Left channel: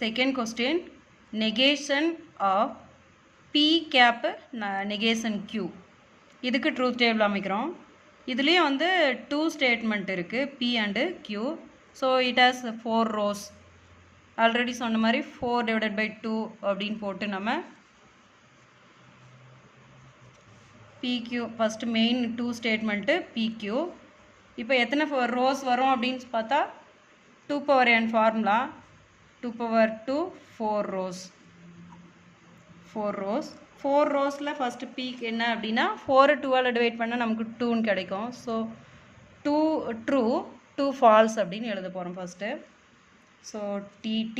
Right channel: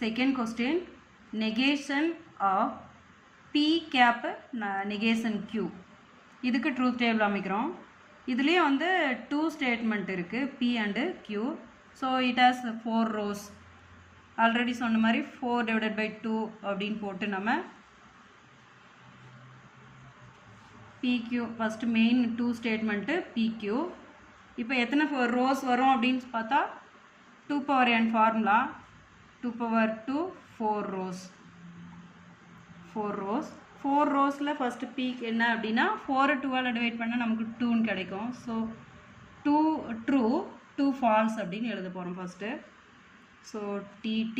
Second question, negation of P cap negation Q. இதுக்கு truth table அமைக்கிறோம். இதுலயே வந்து two statement இருக்கு P and Q. So it has 4 rows. Already சொன்ன மாதிரி 4 divided by 2 அப்படின்னு போட்டு நம்ம PQ first main two statement PQ. இப்போ எத்தனை rows வரும் அப்படின்னு பார்த்தா 2 power n formula 2 power 2 4 rows 4 rowsல first p என்ன அப்படின்னா 4 2 ஆல் டிவைட் பண்ணா நமக்கு 2 ன்னு கிடைக்கும். ஸோ 2 true 2 false அப்படின்னு எழுத போகிறோம் ஃபர்ஸ்ட். So TT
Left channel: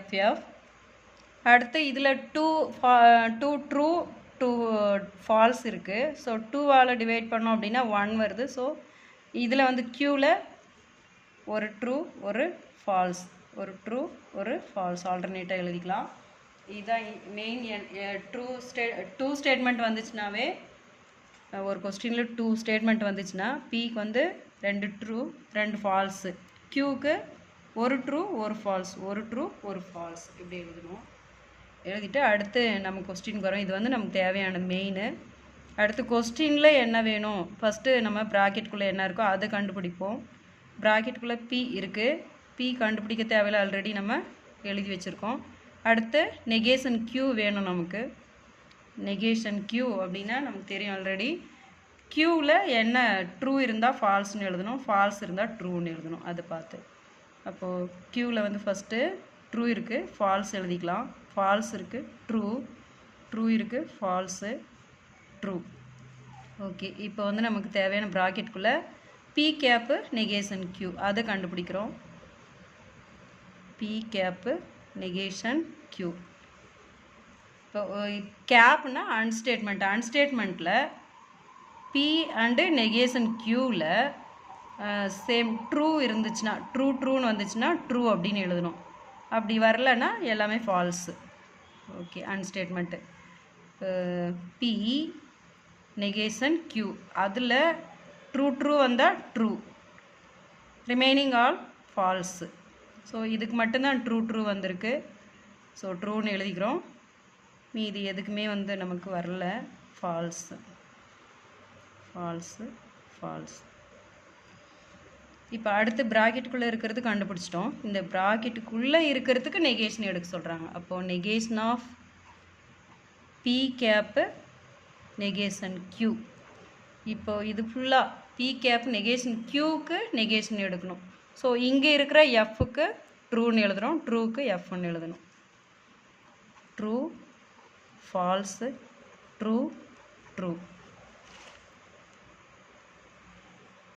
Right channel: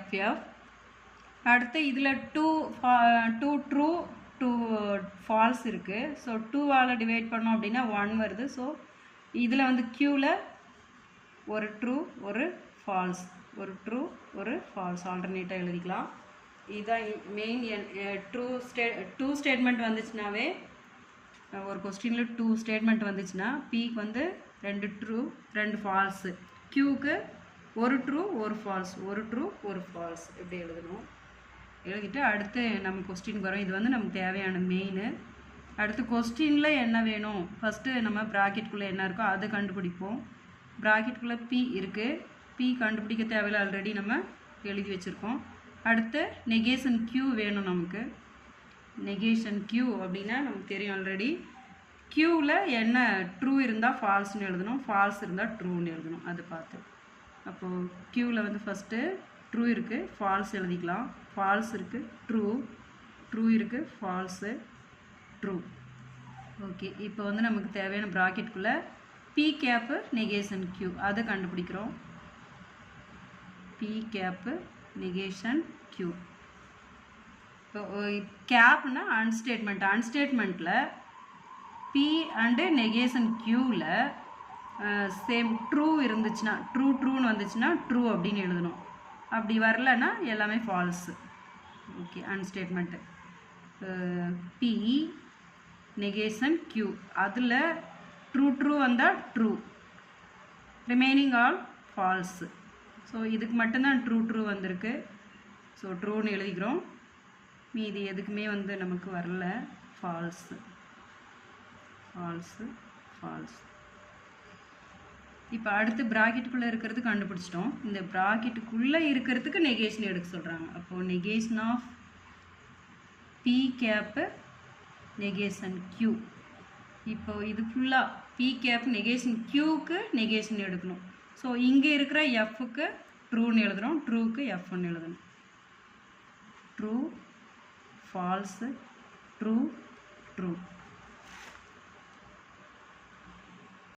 FF. அடுத்து இதில் 2 true 2 false இருக்குது. ஸோ 2 ஆல் டிவைட் பண்ணோம் அப்படின்னா 1 வருது. ஸோ இதில் வந்து Qவில் ஒரு ட்ரூ ஒரு ஃபால்ஸ், ஒரு ட்ரூ ஒரு ஃபால்ஸ் ஆல்டர்னேட்டாக எழுதிக்கலாம். இதுதான் மெயின் டூ ஸ்டேட்மெண்ட் வந்துச்சுனாவே ஒரு கொஸ்டினில் 2 ஸ்டேட்மெண்ட் வந்துச்சுன்னா பிக்கு வந்து 2 ட்ரூ 2 ஃபால்ஸு, க்யூக்கு ஒரு ட்ரூ ஒரு ஃபால்ஸ், ஒரு ட்ரூ ஒரு ஃபால்ஸ் இப்படி எழுதணும். எழுதிட்டு அடுத்து நம்ம கொஸ்டின் வரோம். இது வந்து நமக்கு தேவையான மெயின். அடுத்து கொஸ்டினில் என்ன வேணும், ஃபஸ்ட்டு நம்ம ப்ராக்கெட்டுக்குள்ளே என்ன இருக்கோ அதை கண்டுபிடிப்போம். ப்ராக்கெட்டுக்குள்ளே P இருக்குது, P கண்டுபிடிக்க தேவையில்லை, ஆல்ரெடி நம்ம எழுதி வச்சுருக்கோம். அடுத்து நெகேஷன் Q வேணும் நமக்கு. நெகேஷன் Q அப்படின்னா நமக்கு தெரியும் ஆல்ரெடி. Qவில் என்ன ட்ரூ இருந்தால் ஃபால்ஸ்னு எழுதணும், ஃபால்ஸ் இருந்தால் ட்ரூன்னு எழுதணும். அதை பார்த்து அப்போது Qவில் வந்து ஃபஸ்ட்டு ட்ரூ இருக்குது ஃபால்ஸ் எழுதிக்கலாம், ஃபால்ஸ் இருக்குது ட்ரூ இருக்குது ஃபால்ஸு ட்ரூ. ஓகே, இப்போ வந்து நமக்கு தேவையான ப்ராக்கெட்டுக்குள்ளே P கேப்பு நெகேஷன் Q அதை கண்டுபிடிக்கிறோம். P cap negation Q. இப்போ கேப்னா அன்ஸ்டேட்மெண்ட், அன்ஸ்டேட்மெண்ட்டில் P அண்டு நெகேஷன் Qவில் சேம் ட்ரூ இருந்துச்சுன்னா ட்ரூன்னு வந்துச்சுன்னா ட்ரூ அப்படின்னு எழுதணும். அப்படி வரலன்னா எல்லாமே false. Okay, and statement P negation Q அதில் ட்ரூ வந்தால் true, remaining all false. So இதுக்கு மட்டும்தான் ட்ரூ வந்திருக்கு. ஸோ ட்ரூன்னு எழுதிக்கிறோம். மீதி எதுக்குமே வந்து நமக்கு வரல, ஃபால்ஸு. இப்போ அடுத்து ப்ராக்கெட்டுக்குள்ளே இருக்கிறது கண்டுபிடிச்சிட்டோம். இந்த ப்ராக்கெட்டுக்குள்ளே இருக்கிறதுக்கு நெகேஷன் எடுக்க சொல்கிறாங்க. அப்போது negation of P cap negation Q. இப்போ இது ஃபுல்லாக P கேப் நெகேஷன் Qக்கு நெகேஷன் எடுக்கணும். ஸோ இங்கே இருக்கிற Fக்கு ட்ரூன்னு எழுதுகிறோம், ட்ரூக்கு Fன்னு எழுதணும். True falls true